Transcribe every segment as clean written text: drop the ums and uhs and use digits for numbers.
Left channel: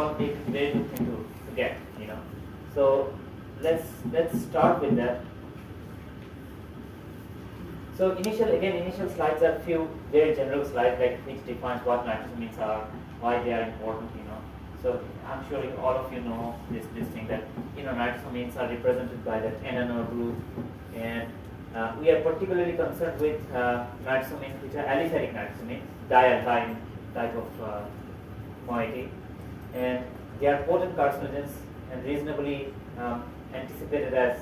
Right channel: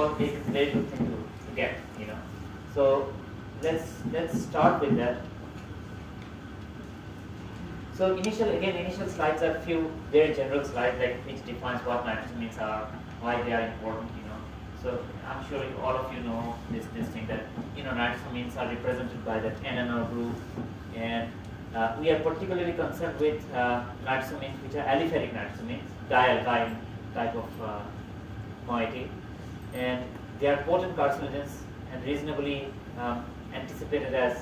all very good thing to get, you know. So let's start with that. So initial slides are few very general slides, like which defines what nitrosamines are, why they are important, you know. So I'm sure all of you know this thing that, you know, nitrosamines are represented by that NNO group, and we are particularly concerned with nitrosamines which are aliphatic nitrosamines, dialkyne type of moiety, and they are potent carcinogens and reasonably anticipated as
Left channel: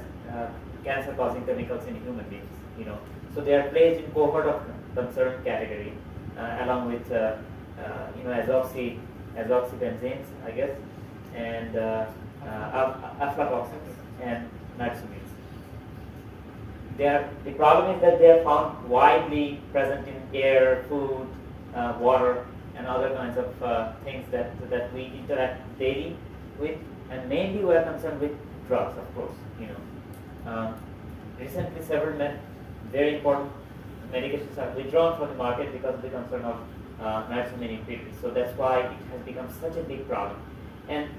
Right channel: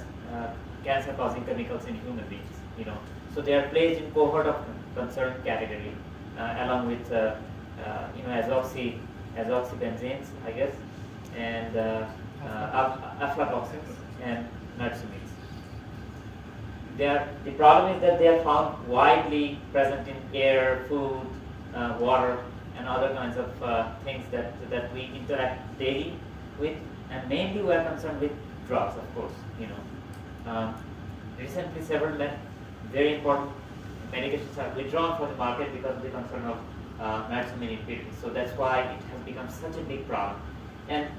cancer-causing chemicals in human beings, you know. So they are placed in cohort of concern category along with you know, azoxybenzenes, I guess, and aflatoxins and nitrosamines. The problem is that they are found widely present in air, food, water, and other kinds of things that we interact daily with, and mainly we are concerned with drugs, of course, you know. Recently, several very important medications are withdrawn from the market because of the concern of nitrosamine impurities. So that's why it has become such a big problem. And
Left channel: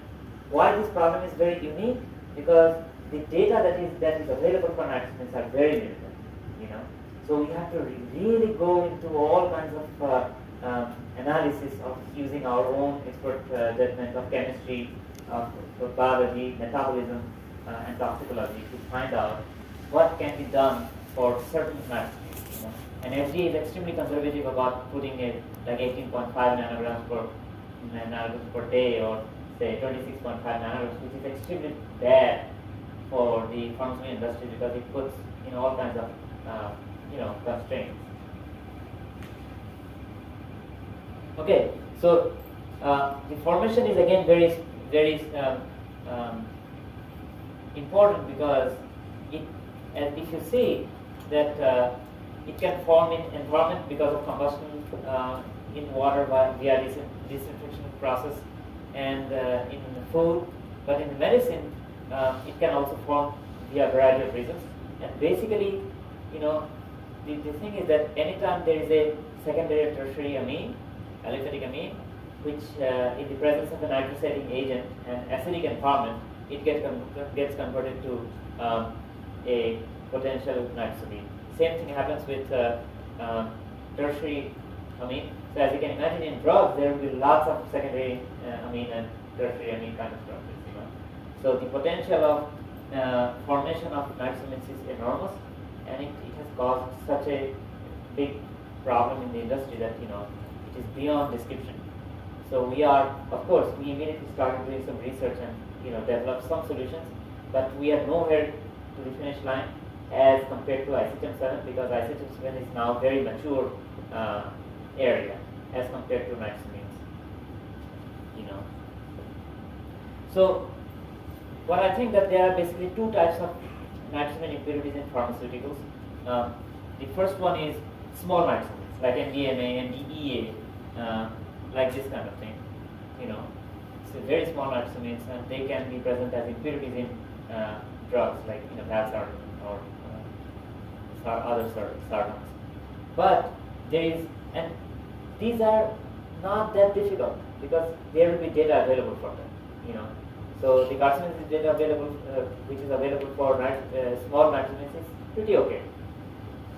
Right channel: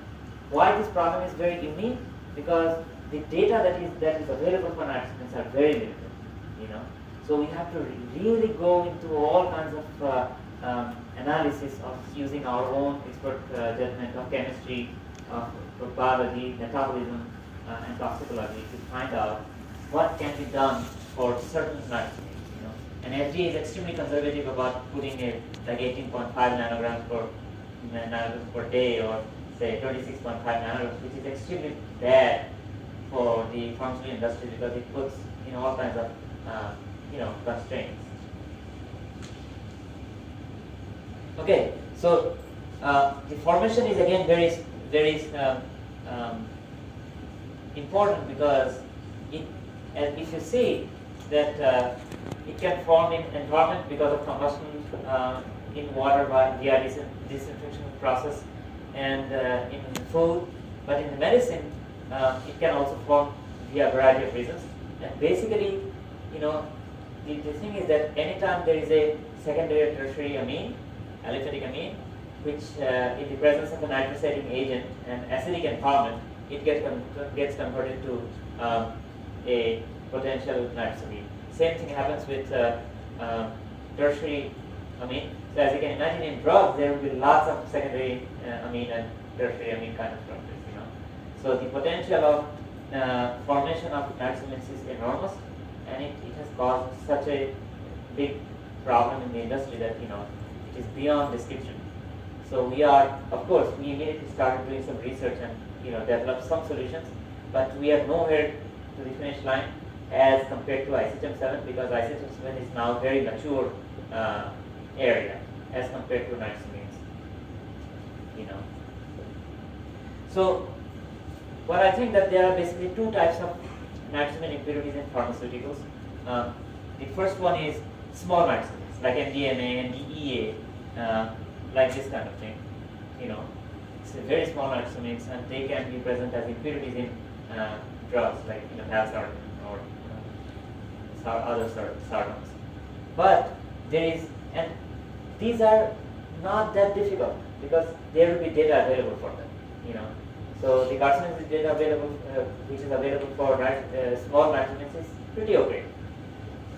why this problem is very unique, because the data that is available for nitrosamines are very limited, you know. So we have to really go into all kinds of analysis of using our own expert judgment of chemistry, of biology, metabolism, and toxicology to find out what can be done for certain nitrosamines, you know. And FDA is extremely conservative about putting like 18.5 nanograms per day, or say 26.5 nanograms, which is extremely bad for the pharmaceutical industry because it puts, you know, all kinds of you know, constraints. Okay, so the formation is again very important, because if you see that it can form in environment because of combustion in water via disinfection process, and in food, but in medicine it can also form via a variety of reasons. And basically, you know, the thing is that anytime there is a secondary or tertiary amine, aliphatic amine, which in the presence of a nitrosating agent and acidic environment, it gets converted to a potential nitrosamine. Same thing happens with tertiary amine. So as you can imagine, in drugs there will be lots of secondary amine and tertiary amine kind of structures, you know. So the potential of formation of nitrosamines is enormous, and it has caused such a big problem in the industry that, you know, it is beyond description. So we immediately started doing some research and, you know, developed some solutions, but we are nowhere to the finish line as compared to isotem-7, because isotem-7 is now very mature area as compared to nitrosamines, you know. So what I think that there are basically two types of nitrosamine impurities in pharmaceuticals. The first one is small nitrosamines like NDMA, NDEA, like this kind of thing, you know. It's a very small nitrosamines, and they can be present as impurities in drugs like, you know, valsartan or other sartans. But and these are not that difficult, because there will be data available for them, you know. So the carcinogenesis data available, which is available for small nitrosamines, is pretty okay.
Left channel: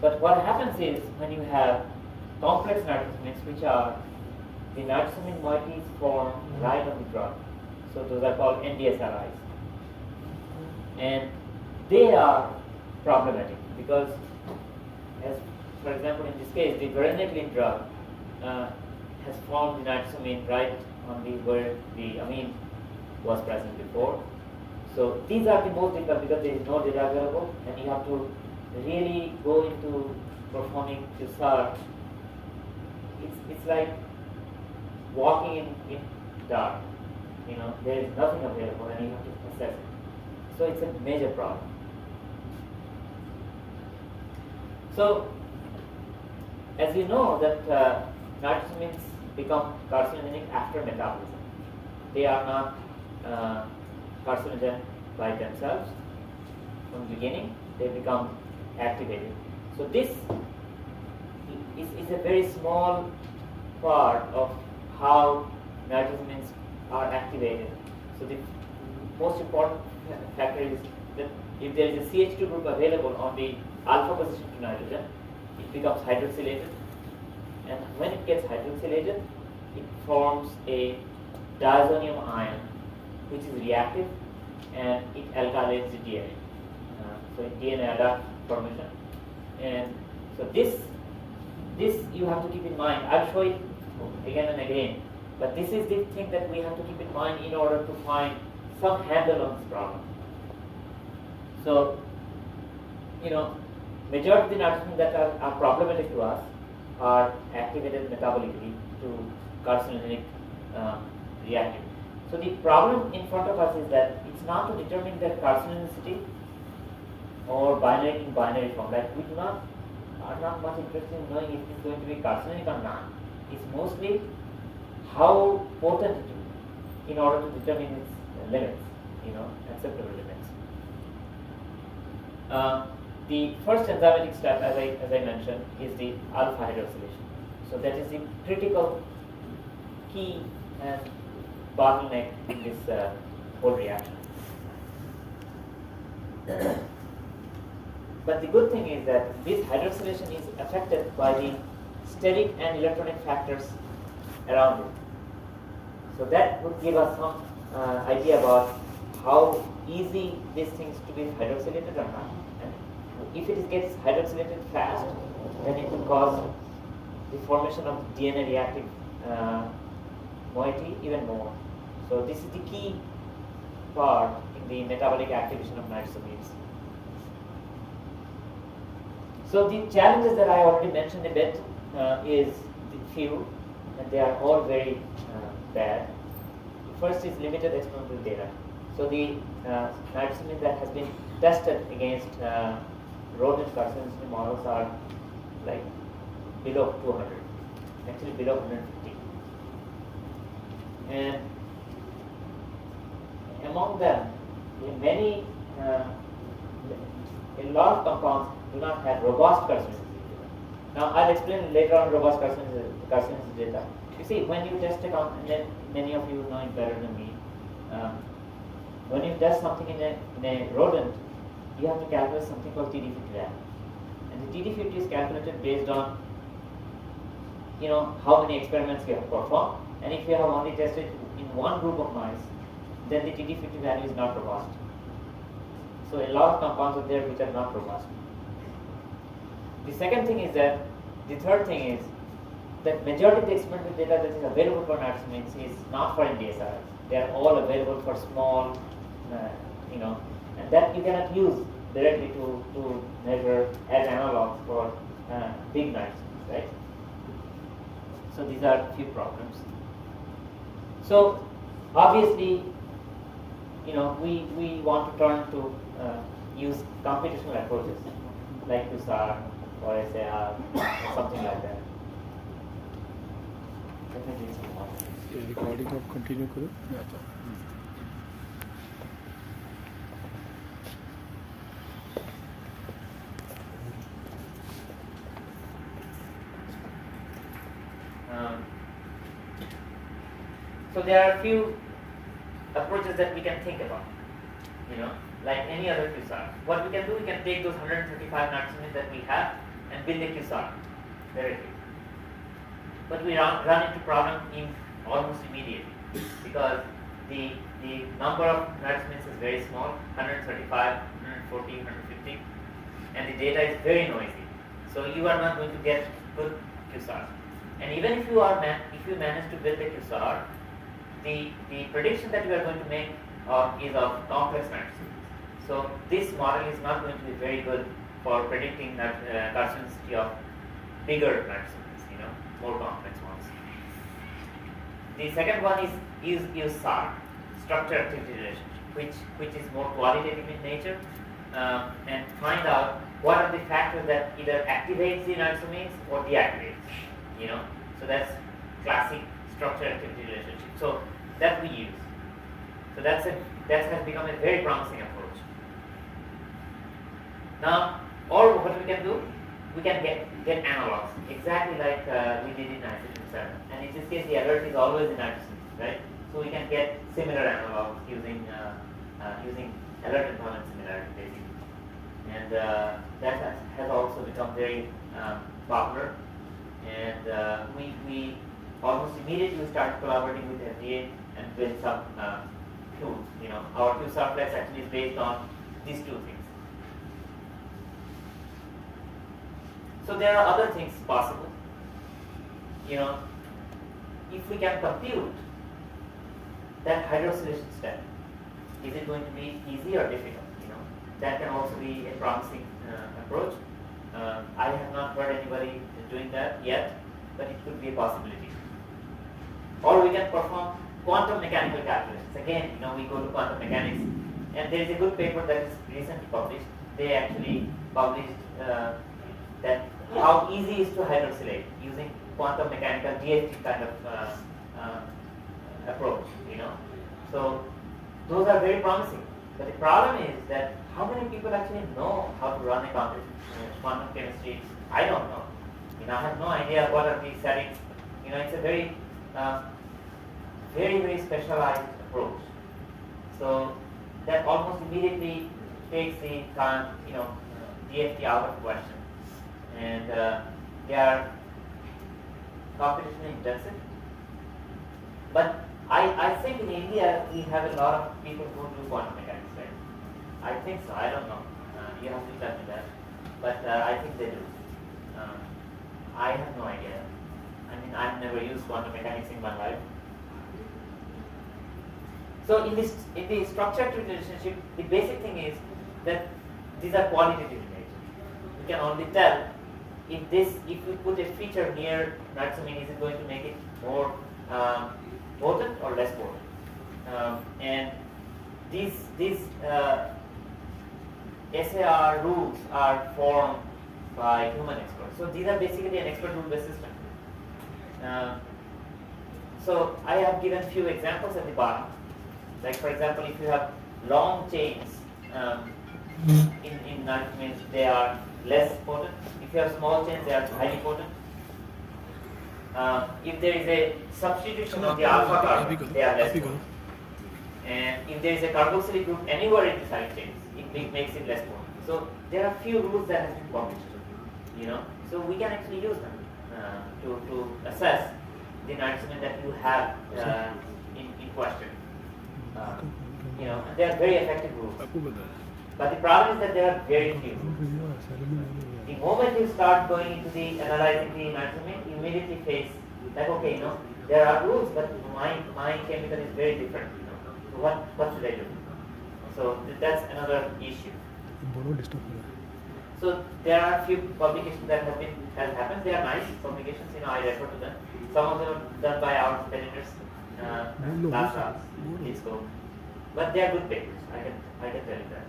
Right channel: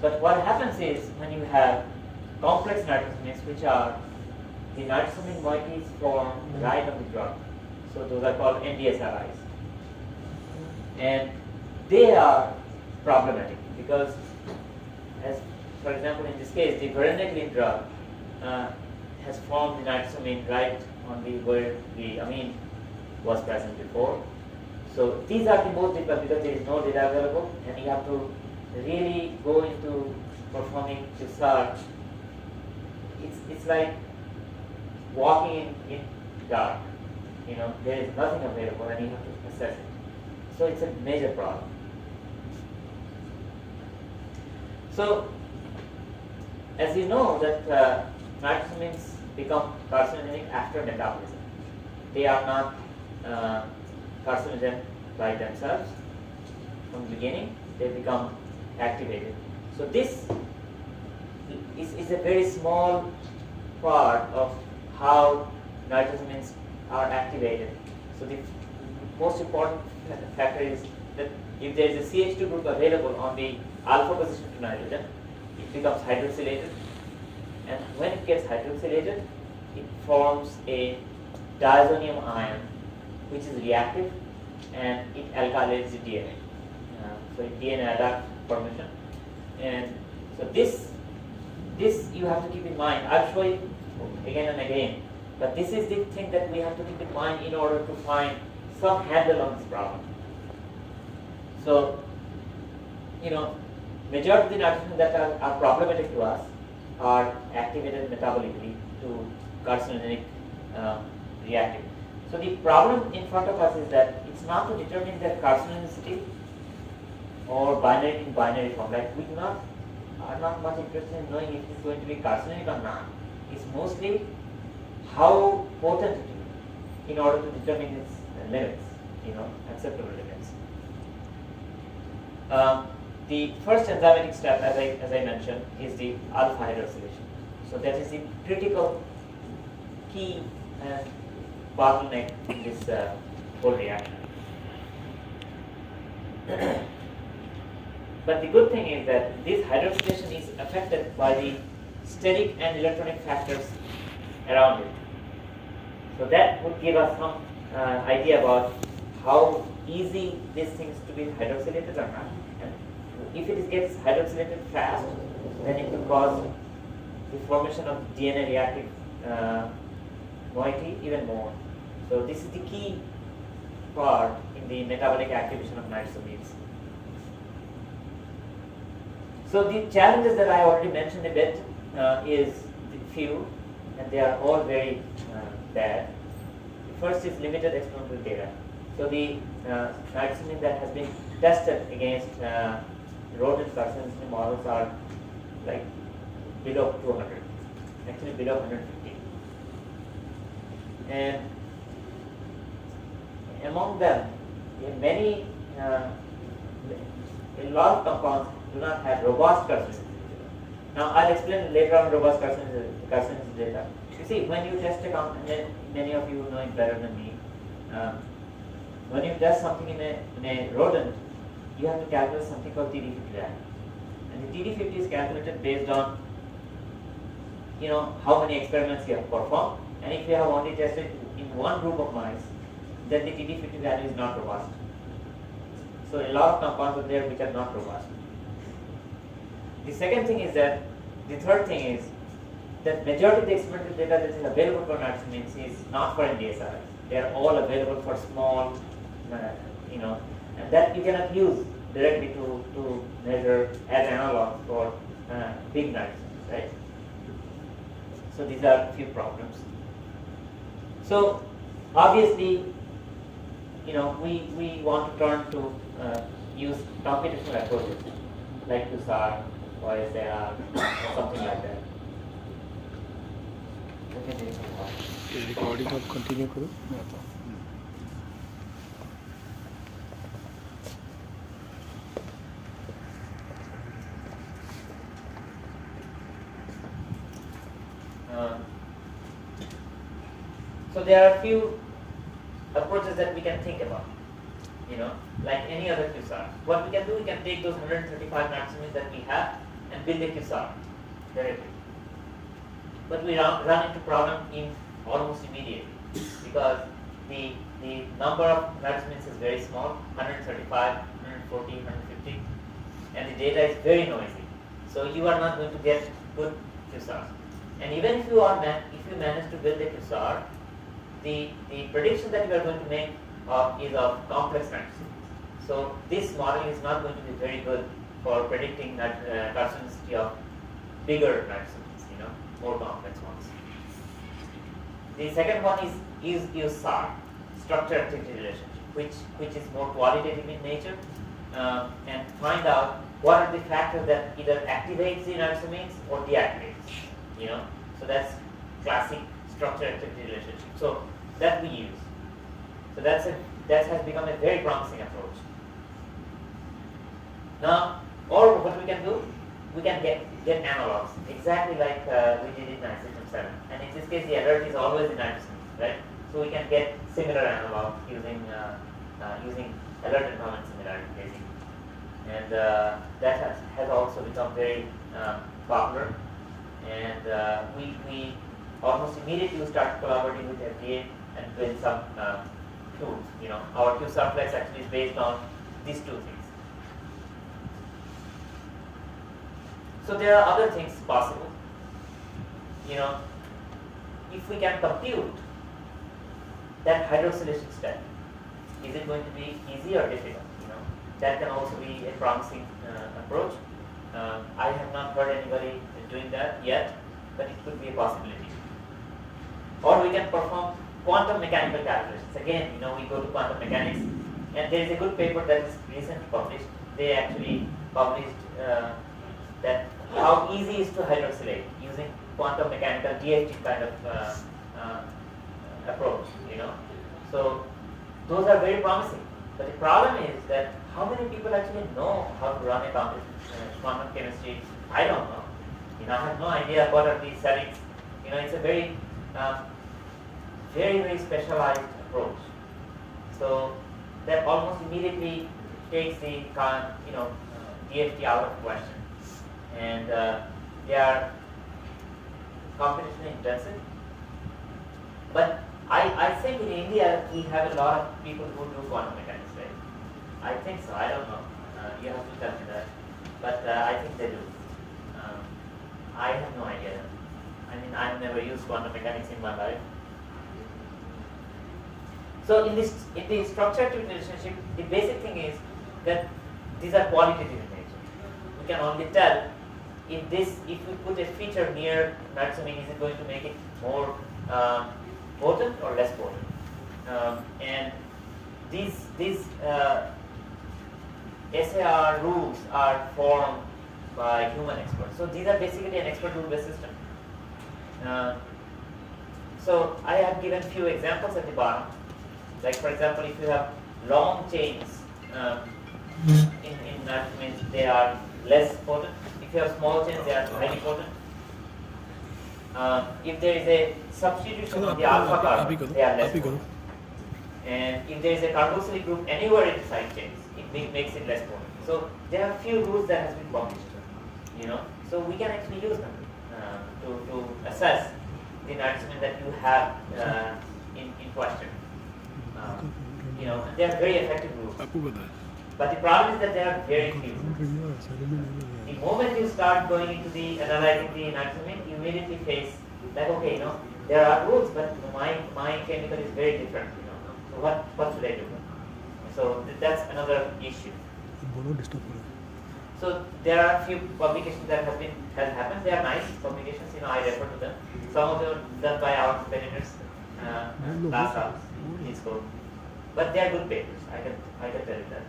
But what happens is, when you have complex nitrosamines, which are the nitrosamine moieties formed right on the drug, so those are called NDSRIs, and they are problematic because, as for example in this case, the varenicline drug has formed the nitrosamine right on the where the amine was present before. So these are the most difficult because there is no data available, and you have to really go into performing Qsar. It's like walking in dark. You know, there is nothing available, and you have to assess it. So it's a major problem. So, as you know that nitrosamines become carcinogenic after metabolism. They are not carcinogen by themselves from the beginning. They become activated. So this is a very small part of how nitrosamines are activated. So the most important factor is that if there is a CH2 group available on the alpha position of nitrogen, it becomes hydroxylated, and when it gets hydroxylated, it forms a diazonium ion, which is reactive, and it alkylates the DNA. So DNA adduct formation, and so this you have to keep in mind. I'll show it again and again, but this is the thing that we have to keep in mind in order to find some handle on this problem. So, majority of the nitrogen that are problematic to us are activated metabolically to carcinogenic reactive. So the problem in front of us is that it's not to determine the carcinogenicity or binary in binary form. Like we are not much interested in knowing if it is going to be carcinogenic or not. It's mostly how potent it is in order to determine its limits, acceptable limits. The first enzymatic step, as I mentioned, is the alpha hydroxylation. So that is the critical key and bottleneck in this whole reaction. But the good thing is that this hydroxylation is affected by the steric and electronic factors around it. So that would give us some idea about how easy these things to be hydroxylated or not. And if it gets hydroxylated fast, then it will cause the formation of DNA reactive moiety even more. So this is the key part in the metabolic activation of nitrosamines. So the challenges that I already mentioned a bit is the few, and they are all very bad. The first is limited experimental data. So the nitrosamine that has been tested against rodent carcinogen models are like below 200, actually below 150. And among them, many, a lot of compounds do not have robust carcinogenicity. Now I'll explain later on robust carcinogenicity data. You see, when you test a compound, and many of you know it better than me, when you test something in a rodent, you have to calculate something called TD50 value. And the TD50 is calculated based on how many experiments you have performed, and if you have only tested in one group of mice, then the TD50 value is not robust. So a lot of compounds are there which are not robust. The second thing is that, the third thing is that majority of the experimental data that is available for nitrosamines is not for NDSRs. They are all available for small, and that you cannot use directly to measure as analogs for big nitrosamines, right? So these are a few problems. So obviously, we want to turn to use computational approaches like Qsar or Qsar or something like that. ये recording आप continue करो मैं आता हूँ. So there are a few approaches that we can think about, like any other Qsar. What we can do, we can take those 135 nitrosamines that we have and build a Qsar directly. But we run into problem in almost immediately because the number of nitrosamines is very small, 135, 140, 150, and the data is very noisy. So you are not going to get good Qsar. And even if you manage to build a Qsar, the prediction that you are going to make is of complex nitrosamines. So this model is not going to be very good for predicting carcinogenicity of bigger nitrosamines, more complex ones. The second one is Qsar, structure-activity relationship, which is more qualitative in nature, and find out what are the factors that either activates the nitrosamines or deactivates. So that's classic structure-activity relationship. So that we use. So that has become a very promising approach. Now, or what we can do, we can get analogs, exactly like we did in nitrogen 7. And in this case, the alert is always in nitrosamines, right? So we can get similar analogs using using alert environment similarity basically, and that has also become very popular. And we almost immediately start collaborating with FDA and build some tools. Our Qsar Flex actually is based on these two things. So there are other things possible. If we can compute that hydroxylation step, is it going to be easy or difficult? That can also be a promising approach. I have not heard anybody doing that yet, but it could be a possibility. Or we can perform quantum mechanical calculations. Again, we go to quantum mechanics, and there is a good paper that is recently published. They actually published that how easy is to hydroxylate using quantum mechanical DFT kind of approach. So those are very promising. But the problem is that how many people actually know how to run a quantum chemistry? I don't know. I have no idea what are these settings. It's a very, very specialized approach. So that almost immediately takes the DFT out of question, and they are computationally intensive. But I think in India we have a lot of people who do quantum mechanics, right? I think so. I don't know. You have to tell me that. But I think they do. I have no idea. I've never used quantum mechanics in my life. So in the structure-activity relationship, the basic thing is that these are qualitative in nature. We can only tell if we put a feature near nitrosamine, is it going to make it more potent or less potent? And these SAR rules are formed by human experts. So these are basically an expert rule-based system. So I have given few examples at the bottom. Like for example, if you have long chains in nitrosamines, they are less potent. If you have small chains, they are highly potent. If there is a substitution of the alpha carbon, they are less potent. And if there is a carboxylic group anywhere in the side chains, it makes it less potent. So there are few rules that have been published. So we can actually use them to assess the nitrosamine that you have in question. And they are very effective rules. But the problem is that there are very few. The moment you start going into the analyzing the nitrosamine, you immediately face like, okay, there are rules, but my chemical is very different. So what should I do? So that's another issue. So there are a few publications that have happened. They are nice publications. I refer to them. Some of them are done by our competitors. Last hour, please go. But they are good papers. I can tell you that.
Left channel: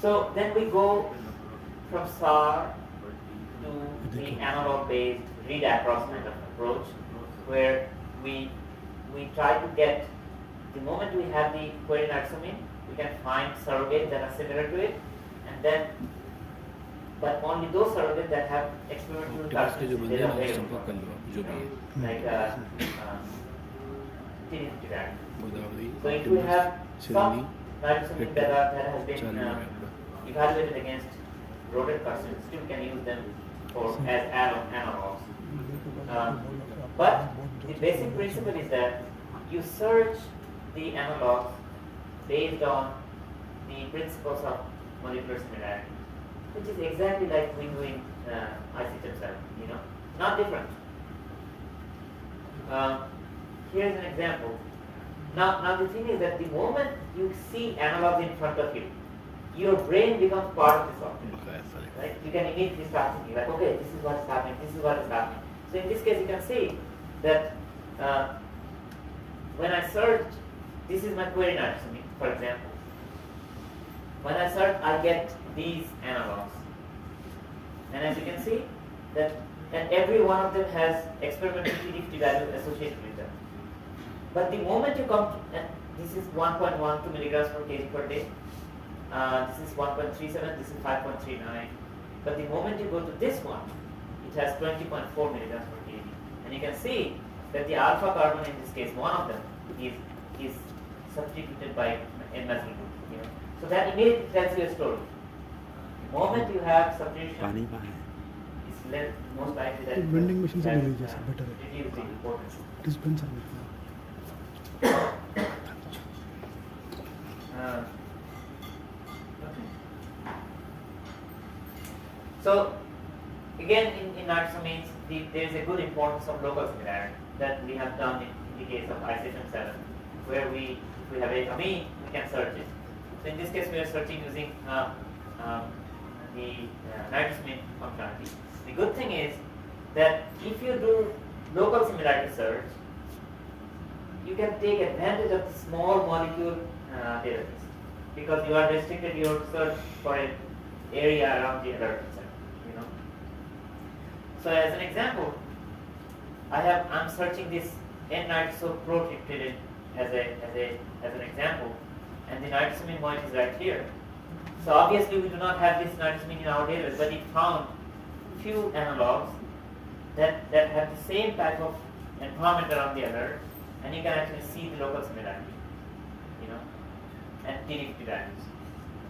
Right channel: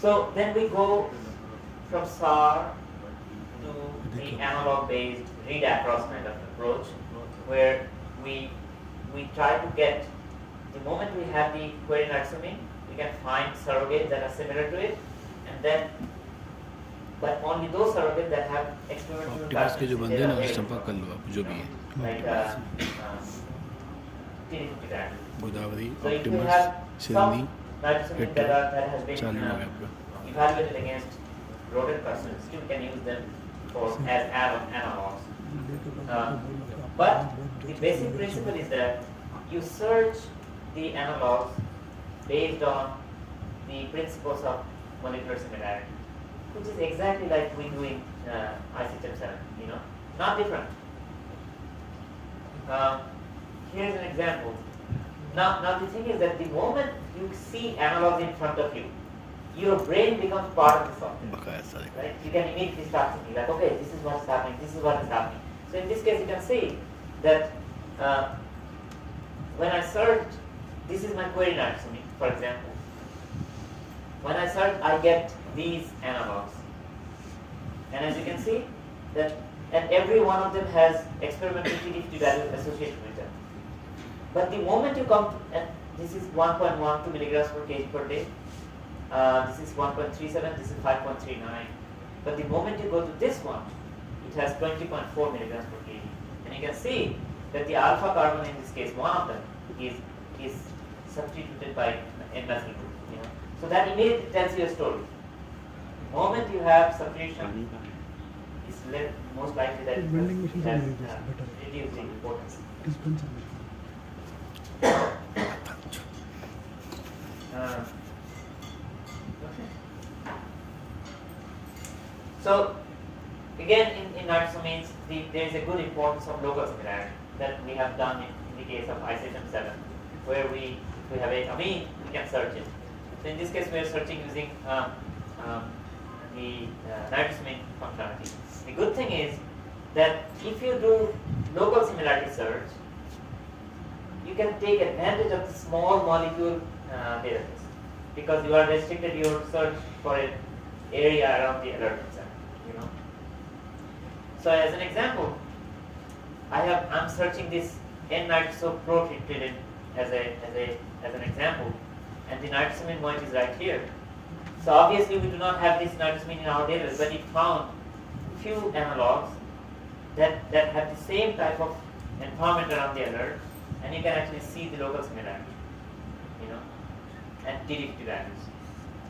So then we go from Qsar to the analog-based read-across kind of approach, where we try to get, the moment we have the query nitrosamine, we can find surrogates that are similar to it, and then, but only those surrogates that have experimental characteristics. Like so if we have some nitrosamine that has been evaluated against rodent carcinogens, still can use them as analogs. But the basic principle is that you search the analogs based on the principles of molecular similarity, which is exactly like we do in IC7, not different. Here's an example. Now the thing is that the moment you see analogs in front of you, your brain becomes part of the software. Right? You can immediately start thinking like, okay, this is what's happening, this is what is happening. So in this case, you can see that when I search, this is my query nitrosamine, for example. When I search, I get these analogs. And as you can see, that and every one of them has experimental PDFT value associated with them. But the moment you come, and this is 1.12 milligrams per kg per day, this is 1.37, this is 5.39. But the moment you go to this one, it has 20.4 milligrams per kg. And you can see that the alpha carbon in this case, one of them, is substituted by N-methyl group. You know, so that immediately tells you a story. The moment you have substitution, it's most likely that vending machines it has are better. reduced the importance. Dispenser. Okay. So again, in nitrosamines, there is a good importance of local similarity that we have done in the case of isotom 7, where we have a amine, we can search it. So in this case, we are searching using the nitrosamine functionality. The good thing is that if you do local similarity search, you can take advantage of the small molecule database, because you are restricted your search for an area around the alert itself. You know. So as an example, I'm searching this N-nitrosopro-tritidine as an example, and the nitrosamine point is right here. So obviously we do not have this nitrosamine in our database, but it found few analogs that have the same type of environment around the alert, and you can actually see the local similarity, you know, and DDT values.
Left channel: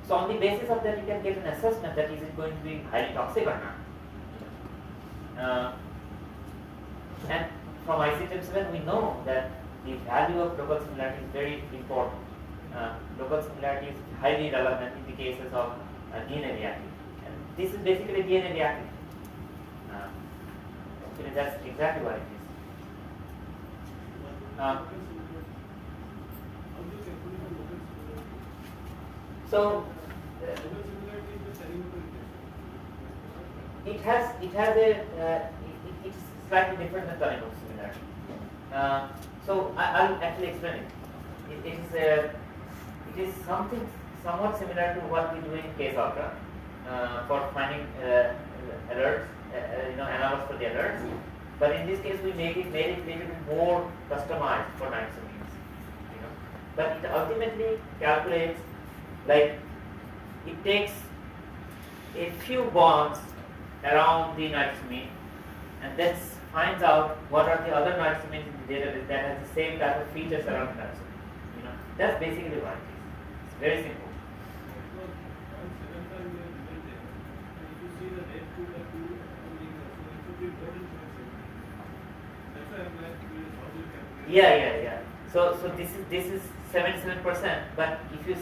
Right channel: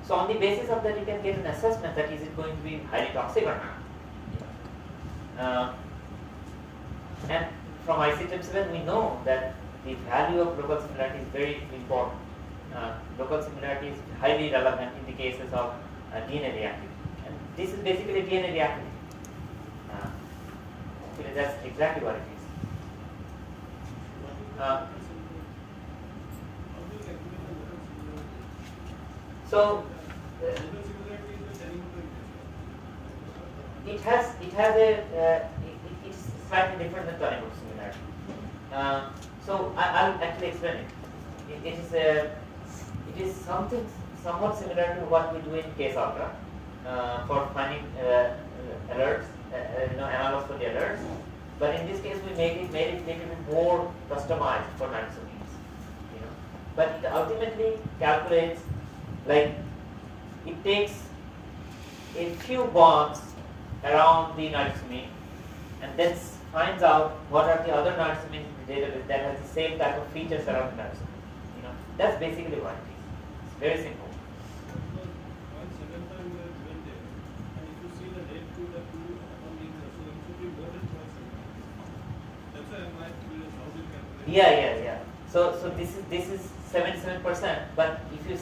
So on the basis of that, you can get an assessment that is it going to be highly toxic or not. And from ICTM7, we know that the value of local similarity is very important. Local similarity is highly relevant in the cases of DNA reactive. And this is basically DNA reactive. Actually, that's exactly what it is. So it's slightly different than tonic similarity. So I'll actually explain it. It is something somewhat similar to what we do in Caseultra for finding alerts, analogs for the alerts. But in this case, we made it a little bit more customized for nitrosamines. You know, but it ultimately calculates, like, it takes a few bonds around the nitrosamine and then finds out what are the other nitrosamines in the database that has the same type of features around the nitrosamine. You know, that's basically what it is. It's very simple. Yeah. So this is 77%, but if you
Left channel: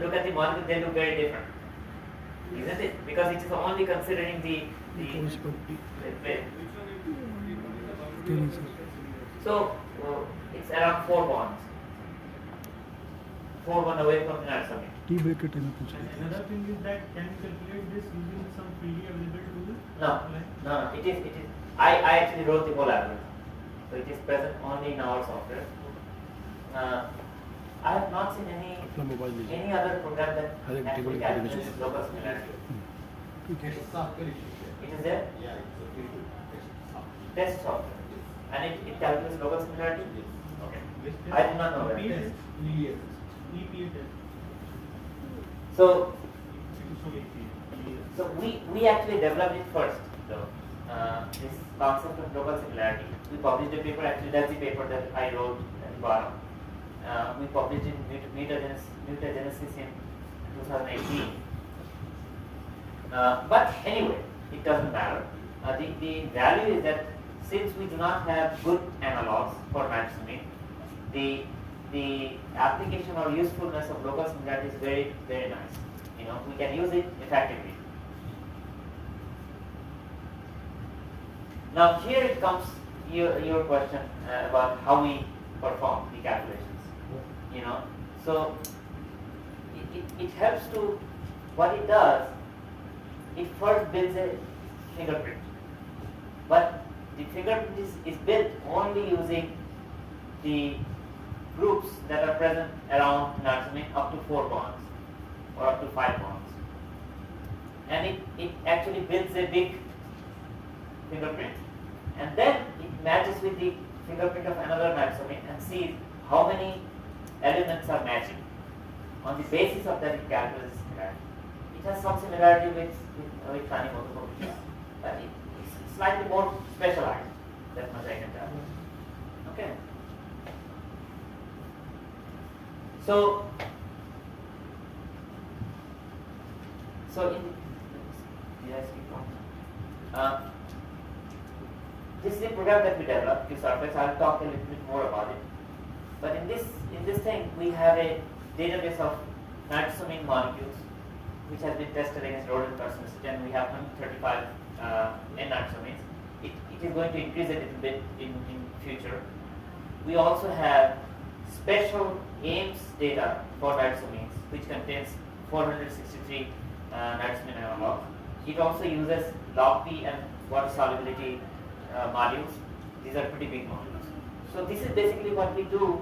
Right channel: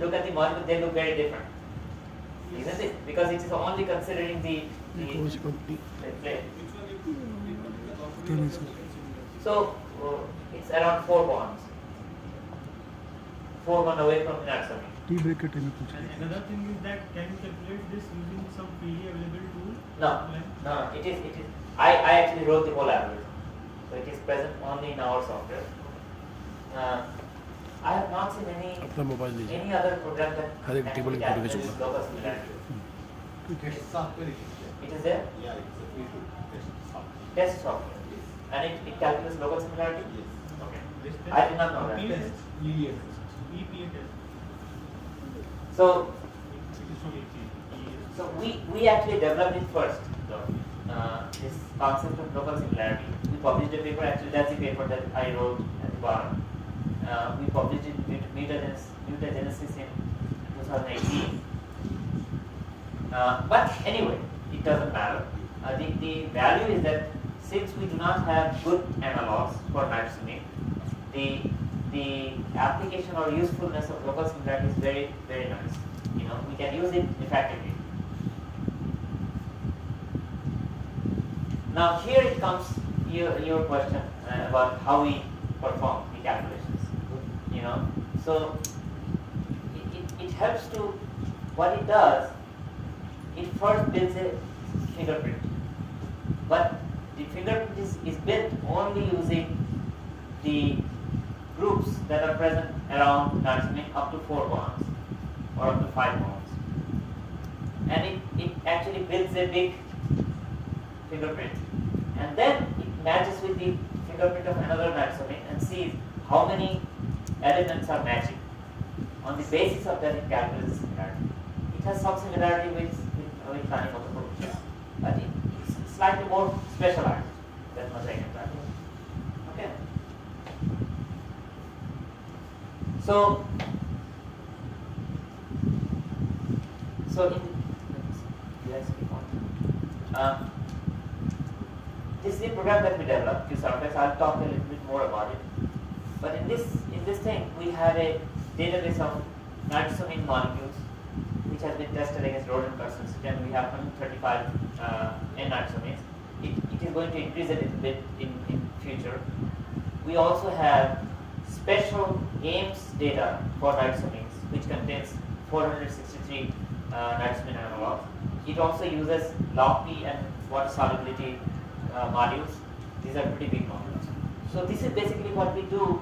look at the molecule, they look very different, isn't it? Because it is only considering the plate. So it's around 4 bonds. 4 bonds away from the nitrosamine. Tea break के time में पूछ रही थी. Another thing is that can you calculate this using some freely available tool? No. It is. I actually wrote the whole algorithm, so it is present only in our software. I have not seen any other program that actually calculates local similarity. It is there? Yeah, it's a free software. Test software. And it calculates local similarity? Okay. I did not know that. EPA test. So we actually developed it first, though. This concept of local similarity. We published a paper, actually that's the paper that I wrote at the bottom. We published it in Mutagenesis in 2018. But anyway, it doesn't matter. The value is that since we do not have good analogs for nitrosamine, the application or usefulness of local similarity is very, very nice. You know, we can use it effectively. Now here it comes your question about how we perform the calculations. You know, so it helps to, what it does, it first builds a fingerprint. But the fingerprint is built only using the groups that are present around nitrosamine up to 4 bonds or up to 5 bonds. And it actually builds a big fingerprint. And then it matches with the fingerprint of another nitrosamine and sees how many elements are matching. On the basis of that, it calculates similarity. It has some similarity with tranimotopropyl, but it's slightly more specialized than mosaic entirely. So yes, this is the program that we developed, Qsar. I'll talk a little bit more about it. But in this thing, we have a database of nitrosamine molecules, which has been tested against rodent carcinogens, and we have 135 N-nitrosamines. It is going to increase a little bit in future. We also have special Ames data for nitrosamines, which contains 463 nitrosamine analogs. It also uses log-P and water solubility modules. These are pretty big modules. So this is basically what we do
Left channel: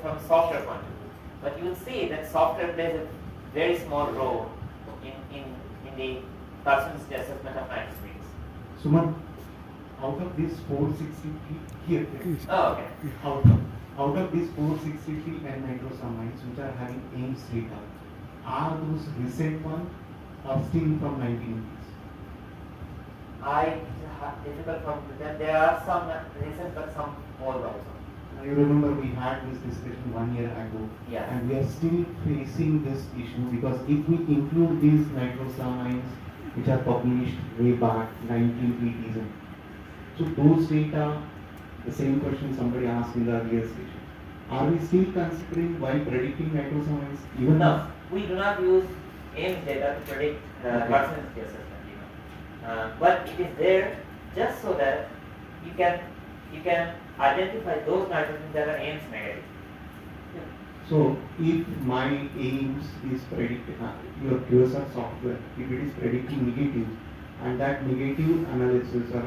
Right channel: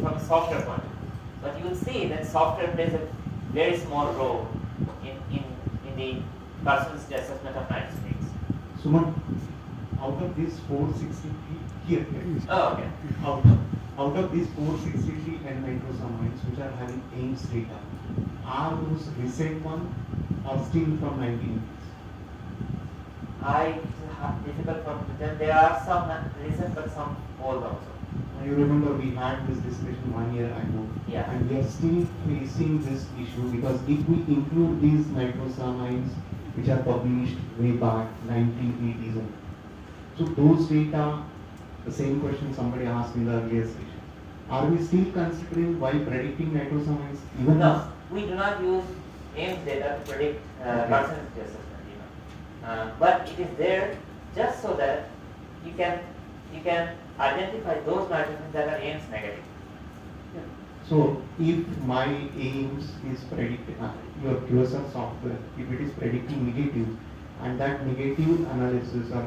from a software point of view. But you will see that software plays a very small role in the carcinogen assessment of nitrosamines. Suman, out of these 463 here, Oh, okay. out of these 463 N-nitrosamines which are having Ames data, are those recent one or still from 1980s? Difficult for me to tell. There are some recent, but some old also. You remember we had this discussion 1 year ago, Yeah. and we are still facing this issue because if we include these nitrosamines which are published way back 1980s, so those data, the same question somebody asked in the earlier session, are we still considering while predicting nitrosamines even No, now? we do not use Ames data to predict carcinogenicity assessment. But it is there just so that you can identify those nitrogens that are Ames negative. So if my Ames is predicting, your Qsar software, if it is predicting negative, and that negative analysis or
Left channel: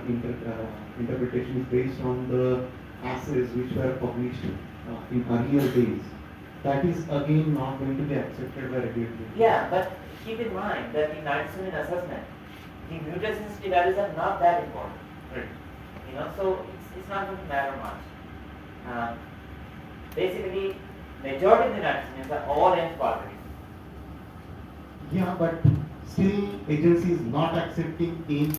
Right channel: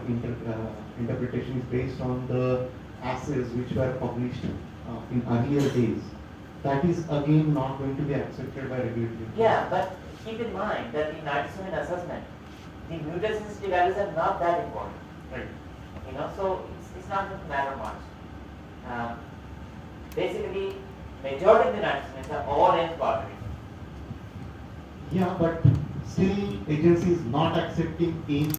interpretation is based on the assays which were published in earlier days, that is again not going to be accepted by regulatory. Yeah, but keep in mind that in nitrosamine assessment, the mutagenicity values are not that important. Right. So it's not going to matter much. Basically, majority of the nitrosamines are all Ames positive. Yeah, but still agency is not accepting Ames